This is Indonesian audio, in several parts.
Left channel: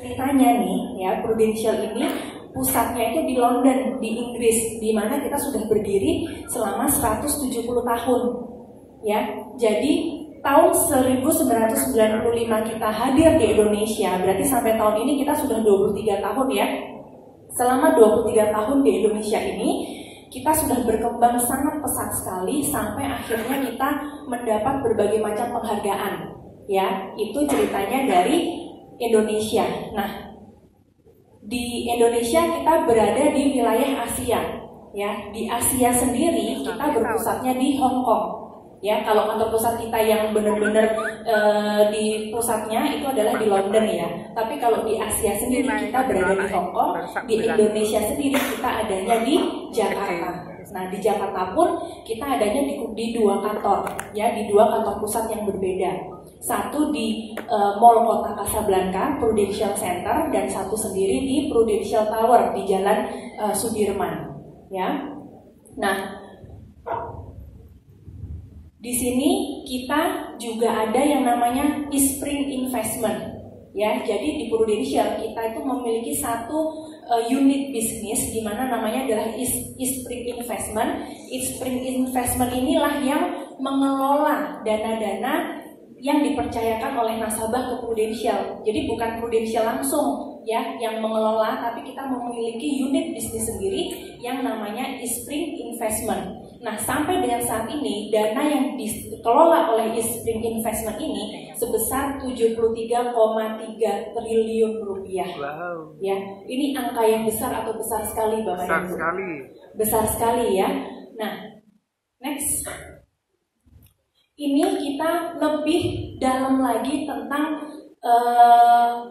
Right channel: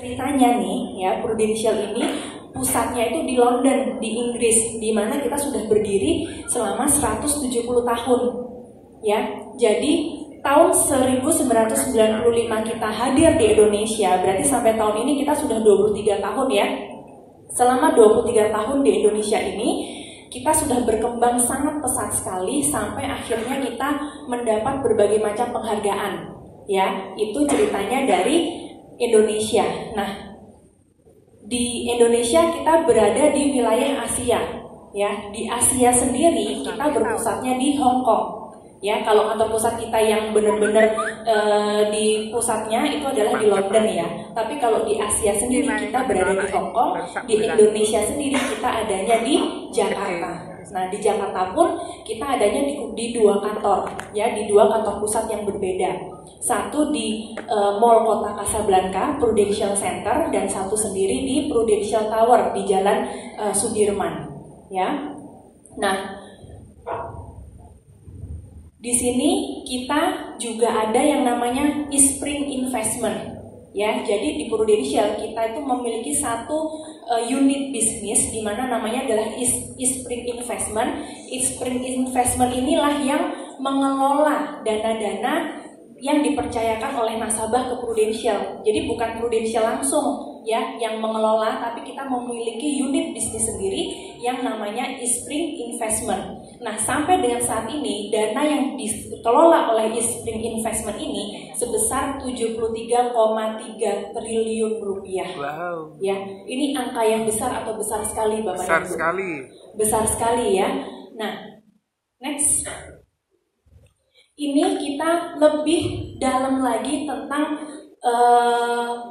Ceritanya nih ya, Prudential ini pusatnya itu di London, di Inggris, di mana kita sudah berdiri selama 170 tahun. Ya, jadi tahun 1995 kita hadir di Indonesia, berarti sampai tahun ini kita sudah 23 tahun ya. Selama 23 tahun di Indonesia ini, kita sudah berkembang sangat pesat sekali sampai akhirnya kita mendapat berbagai macam penghargaan. Ya, itu ceritanya dari Indonesia. Nah, di Indonesia kita berada di wilayah Asia. Ya, di Asia sendiri kita berpusatnya di Hong Kong. Ya, kalau kantor pusat kita yang benar-benar di pusatnya itu adalah di London ya. Tapi kalau di Asia sendiri kita berada di Hong Kong, di Indonesia sendiri kita adanya di Jakarta. Nah, di Jakarta pun kita adanya di dua kantor, ya, di dua kantor pusat yang berbeda. Satu di Mall Kota Kasablanka, Prudential Center, dan satu sendiri di Prudential Tower di Jalan Sudirman. Ya, nah. Di sini kita juga ada yang namanya Eastspring Investment, ya. Jadi di Prudential kita itu memiliki satu unit bisnis di mana namanya adalah Eastspring Investment. Eastspring Investment inilah yang mengelola dana-dana yang dipercayakan oleh nasabah ke Prudential. Jadi bukan Prudential langsung ya yang mengelola, tapi kita memiliki unit bisnis sendiri yang namanya Eastspring Investment. Nah, sampai dengan saat ini dana yang dikelola oleh Eastspring Investment ini sebesar 73,3 triliun rupiah. Wow. Ya, ini angka yang besar atau besar sekali Bapak Besar Ibu? sekali. Besar sekali ya. Nah, next. Ini kita lebih dalam lagi tentang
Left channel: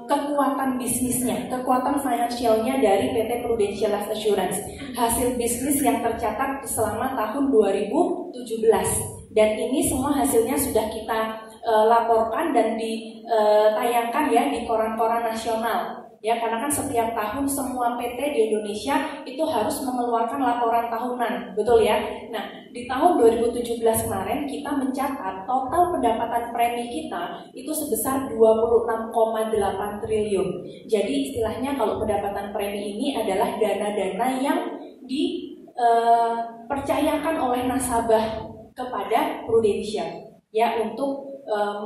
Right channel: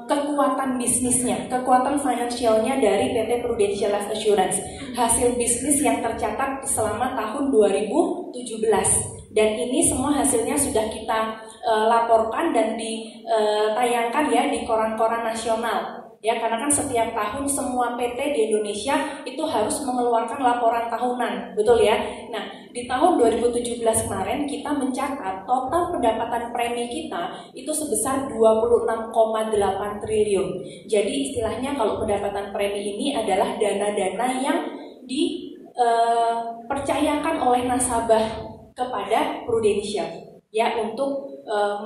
kekuatan bisnisnya, kekuatan finansialnya dari PT Prudential Life Assurance. Hasil bisnis yang tercatat selama tahun 2017. Dan ini semua hasilnya sudah kita laporkan dan ditayangkan ya di koran-koran nasional. Ya, karena kan setiap tahun semua PT di Indonesia itu harus mengeluarkan laporan tahunan, betul ya? Nah, di tahun 2017 kemarin kita mencatat total pendapatan premi kita itu sebesar 26,8 triliun. Jadi istilahnya kalau pendapatan premi ini adalah dana-dana yang dipercayakan oleh nasabah kepada Prudential ya untuk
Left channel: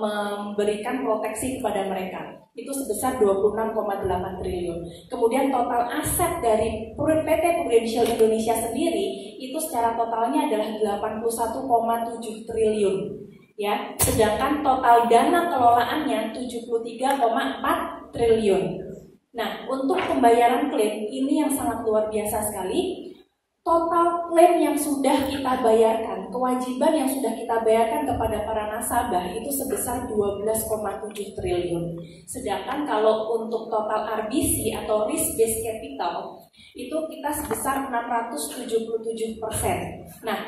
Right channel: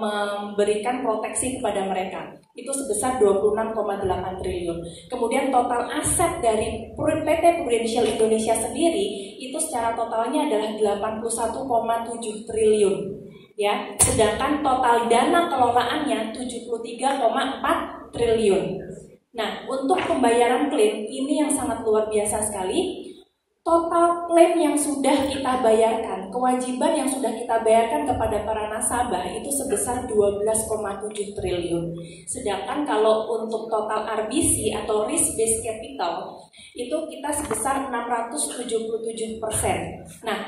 memberikan proteksi kepada mereka. Itu sebesar 26,8 triliun. Kemudian total aset dari PT Prudential Indonesia sendiri itu secara totalnya adalah 81,7 triliun. Ya, sedangkan total dana kelolaannya 73,4 triliun. Nah, untuk pembayaran klaim ini yang sangat luar biasa sekali. Total klaim yang sudah kita bayarkan, kewajiban yang sudah kita bayarkan kepada para nasabah itu sebesar 12,7 triliun. Sedangkan kalau untuk total RBC atau risk based capital itu kita sebesar 677%. Nah,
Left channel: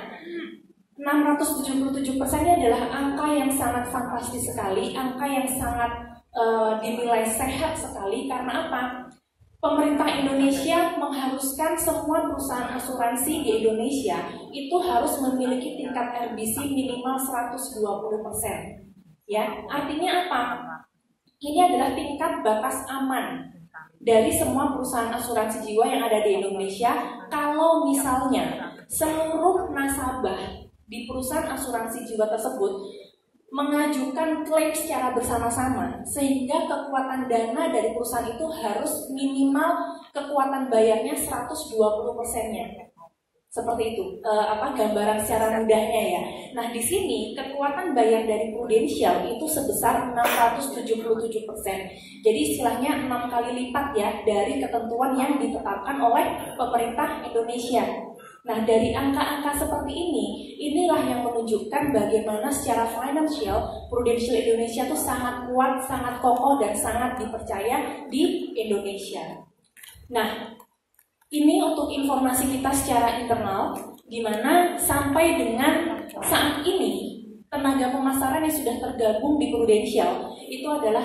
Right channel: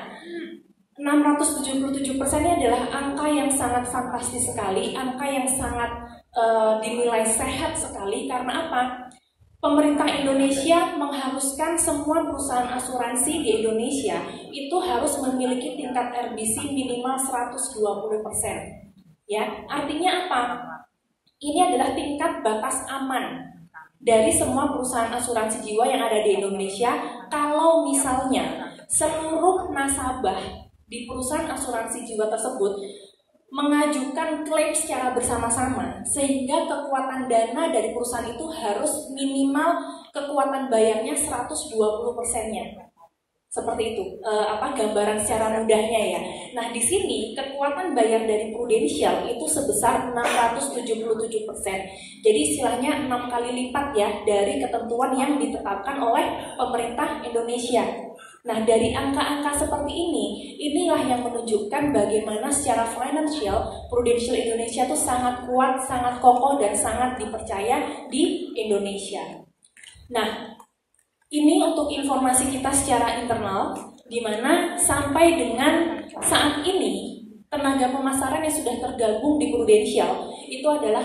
677% ini adalah angka yang sangat fantastis sekali, angka yang sangat dinilai sehat sekali. Karena apa? Pemerintah Indonesia mengharuskan semua perusahaan asuransi di Indonesia itu harus memiliki tingkat RBC minimal 120%. Ya, artinya apa? Ini adalah tingkat batas aman dari semua perusahaan asuransi jiwa yang ada di Indonesia. Kalau misalnya seluruh nasabah di perusahaan asuransi jiwa tersebut mengajukan klaim secara bersama-sama, sehingga kekuatan dana dari perusahaan itu harus minimal kekuatan bayarnya 120%-nya. Seperti itu, gambaran secara mudahnya ya. Nah, di sini kekuatan bayar dari Prudential itu sebesar 677%. Jadi istilahnya 6 kali lipat ya dari ketentuan yang ditetapkan oleh pemerintah Indonesia. Nah, dari angka-angka seperti ini, inilah yang menunjukkan bagaimana secara finansial Prudential Indonesia itu sangat kuat, sangat kokoh, dan sangat dipercaya di Indonesia. Nah, ini untuk informasi kita secara internal, di mana sampai dengan saat ini tenaga pemasaran yang sudah tergabung di Prudential itu adalah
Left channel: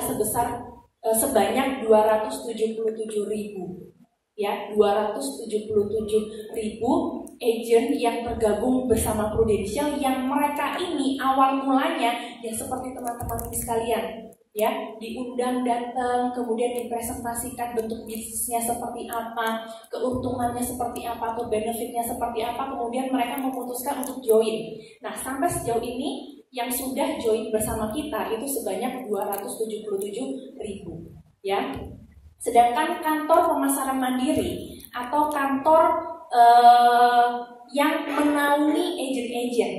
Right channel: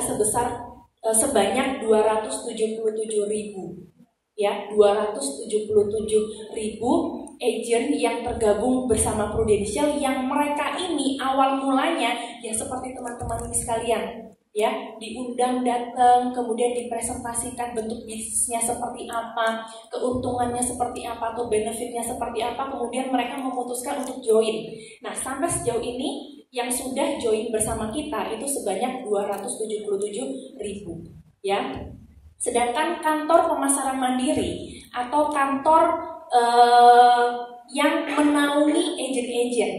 sebanyak 277.000. Ya, 277.000 agent yang tergabung bersama Prudential, yang mereka ini awal mulanya ya seperti teman-teman sekalian ya, diundang datang, kemudian dipresentasikan bentuk bisnisnya seperti apa, keuntungannya seperti apa, atau benefitnya seperti apa, kemudian mereka memutuskan untuk join. Nah, sampai sejauh ini yang sudah join bersama kita itu sebanyak 277.000, ya. Sedangkan kantor pemasaran mandiri atau kantor yang menaungi agent-agent,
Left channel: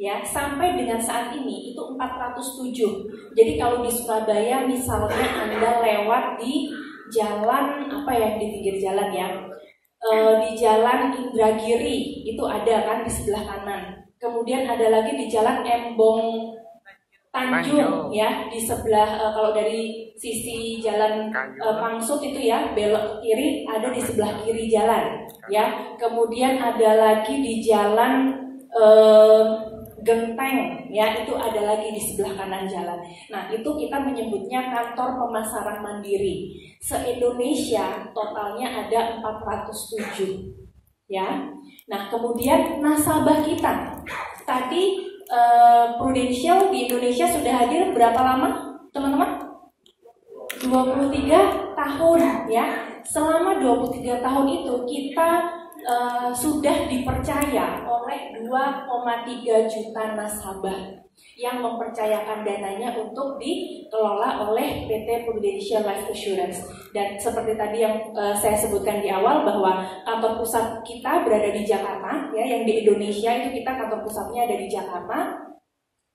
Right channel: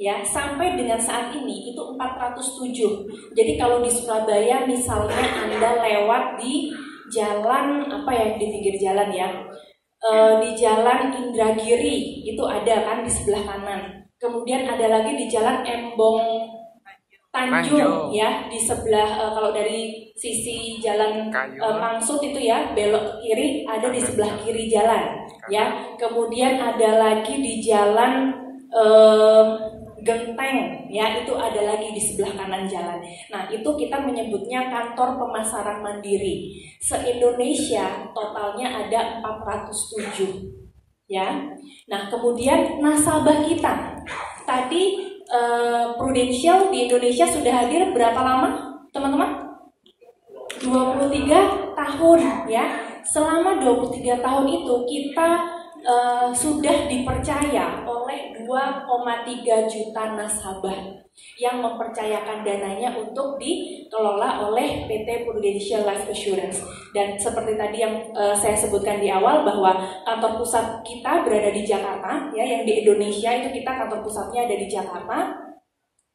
ya, sampai dengan saat ini itu 407. Jadi kalau di Surabaya misalnya Anda lewat di jalan apa ya, di pinggir jalan ya, di jalan Indragiri itu ada kan di sebelah kanan. Kemudian ada lagi di jalan Embong Tanjung ya, di sebelah kalau dari sisi jalan Pangsut itu ya, belok ke kiri ada di sebelah kiri jalan ya. Kemudian ada lagi di jalan Genteng ya, itu ada lagi di sebelah kanan jalan. Nah, itu kita menyebutnya kantor pemasaran mandiri. Se-Indonesia totalnya ada 407 ya. Nah, kemudian nasabah kita tadi Prudential di Indonesia sudah hadir berapa lama, teman-teman? 23 tahun ya. Selama 23 tahun itu kita sudah dipercaya oleh 2,3 juta nasabah yang mempercayakan dananya untuk dikelola oleh PT Prudential Life Assurance. Dan seperti tadi yang saya sebutkan di awal bahwa kantor pusat kita berada di Jakarta ya, yang di Indonesia itu kita kantor pusatnya ada di Jakarta,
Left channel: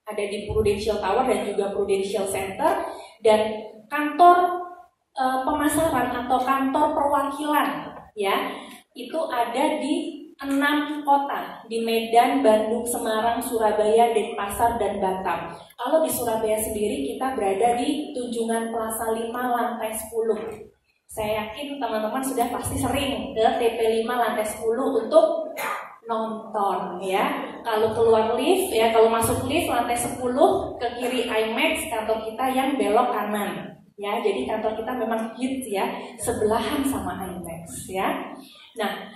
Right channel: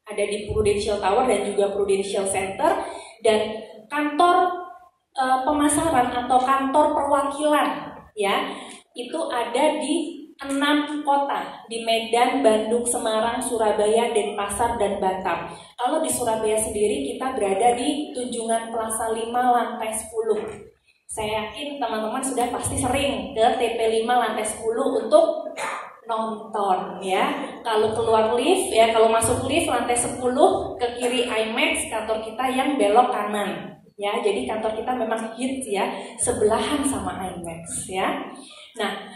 ada di Prudential Tower dan juga Prudential Center, dan kantor pemasaran atau kantor perwakilan ya itu ada di 6 kota, di Medan, Bandung, Semarang, Surabaya, Denpasar, dan Batam. Kalau di Surabaya sendiri kita berada di Tunjungan Plaza 5 lantai 10. Saya yakin teman-teman sudah pasti sering ke TP5 lantai 10 untuk nonton ya. Kalau keluar lift ya, kalau masuk lift lantai 10 ke kiri IMAX, kantor kita yang belok kanan ya. Jadi kantor kita memang hits ya, sebelahan sama IMAX ya. Nah,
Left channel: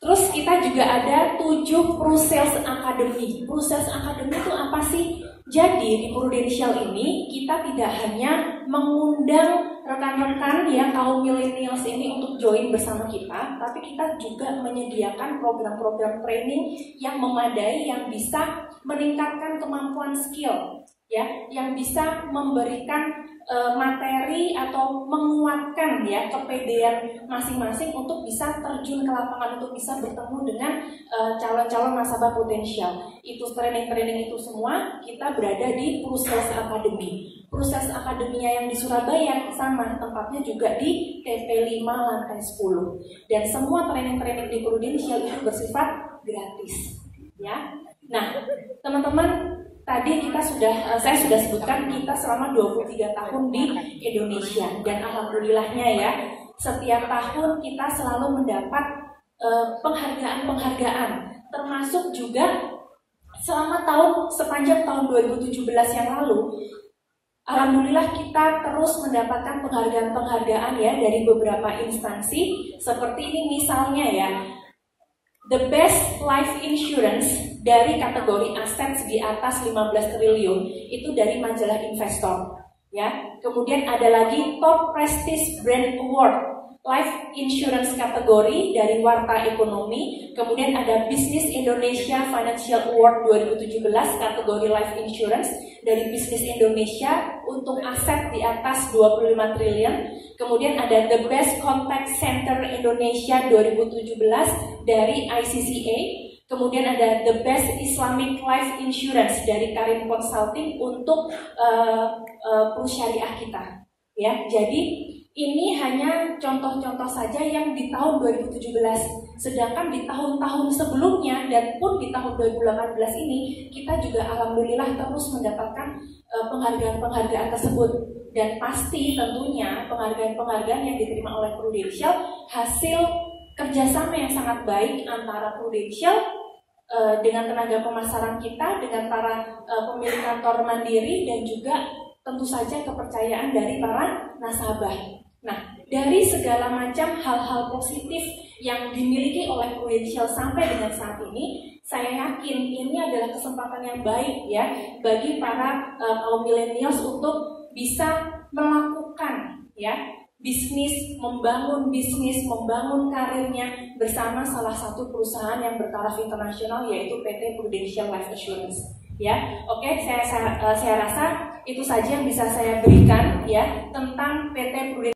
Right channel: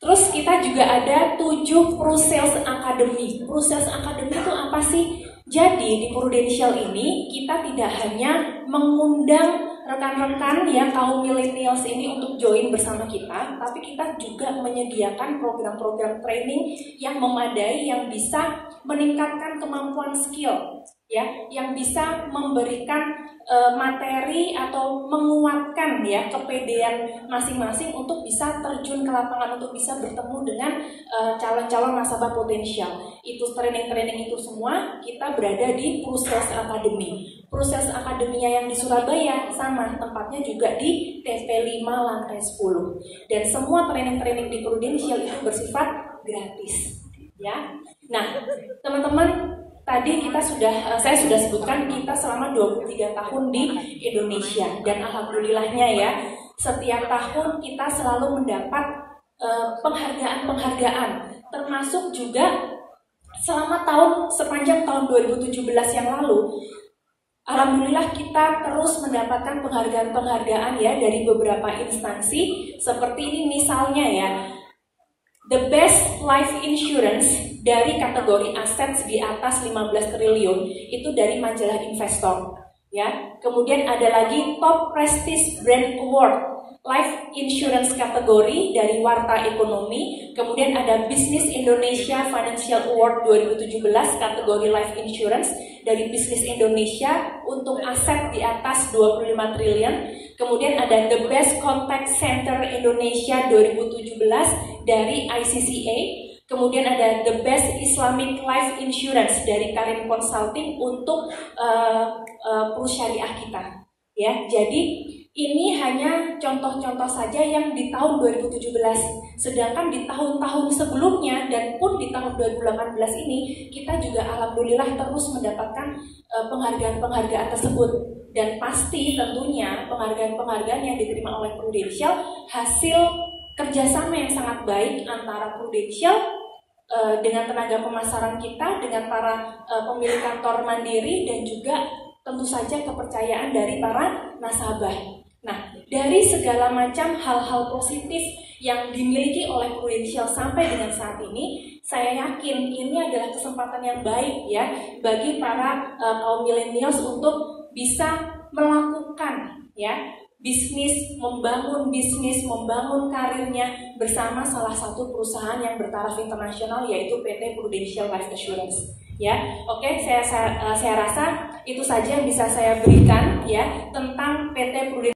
terus kita juga ada 7 Prusales Academy. Prusales Academy itu apa sih? Jadi di Prudential ini kita tidak hanya mengundang rekan-rekan ya kaum millennials ini untuk join bersama kita, tapi kita juga menyediakan program-program training yang memadai, yang bisa meningkatkan kemampuan skill ya, yang bisa memberikan materi atau menguatkan ya kepedean masing-masing untuk bisa terjun ke lapangan, untuk bisa bertemu dengan calon-calon nasabah potensial. Itu training-training itu semua kita berada di Prusales Academy. Prusales Academy-nya yang di Surabaya sama, tempatnya juga di TP5 lantai 10. Dan semua training-training di Prudential itu bersifat gratis ya. Nah, teman-teman, tadi saya sudah sebutkan kita selama 23 tahun di Indonesia, dan alhamdulillahnya ya, setiap tahun kita selalu mendapat penghargaan-penghargaan, termasuk juga selama sepanjang tahun 2017 yang lalu. Alhamdulillah kita terus mendapatkan penghargaan-penghargaan ya dari beberapa instansi, seperti ini misalnya ya, The Best Life Insurance dari kategori aset di atas 15 triliun itu dari majalah Investor ya. Kemudian ada lagi Top Prestige Brand Award Life Insurance kategori dari Warta Ekonomi. Kemudian ada Business Indonesia Financial Award 2017 kategori Life Insurance dari Business Indonesia untuk aset di atas 25 triliun. Kemudian ada The Best Contact Center Indonesia 2017 dari ICCA. Kemudian ada The Best Islamic Life Insurance dari Karim Consulting untuk perusahaan kita. Ya, jadi ini hanya contoh-contoh saja yang di tahun 2017. Sedangkan di tahun-tahun sebelumnya dan pun di tahun 2018 ini kita juga alhamdulillah terus mendapatkan penghargaan-penghargaan tersebut. Dan pasti tentunya penghargaan-penghargaan yang diterima oleh Prudential hasil kerjasama yang sangat baik antara Prudential dengan tenaga pemasaran kita, dengan para pemilik kantor mandiri, dan juga tentu saja kepercayaan dari para nasabah. Nah, dari segala macam hal-hal positif yang dimiliki oleh Prudential sampai dengan saat ini, saya yakin ini adalah kesempatan yang baik ya bagi para kaum millennials untuk bisa melakukan bisnis, membangun karirnya bersama salah satu perusahaan yang bertaraf internasional, yaitu PT Prudential Life Assurance. Oke, saya rasa itu saja yang bisa saya berikan tentang PT Prudential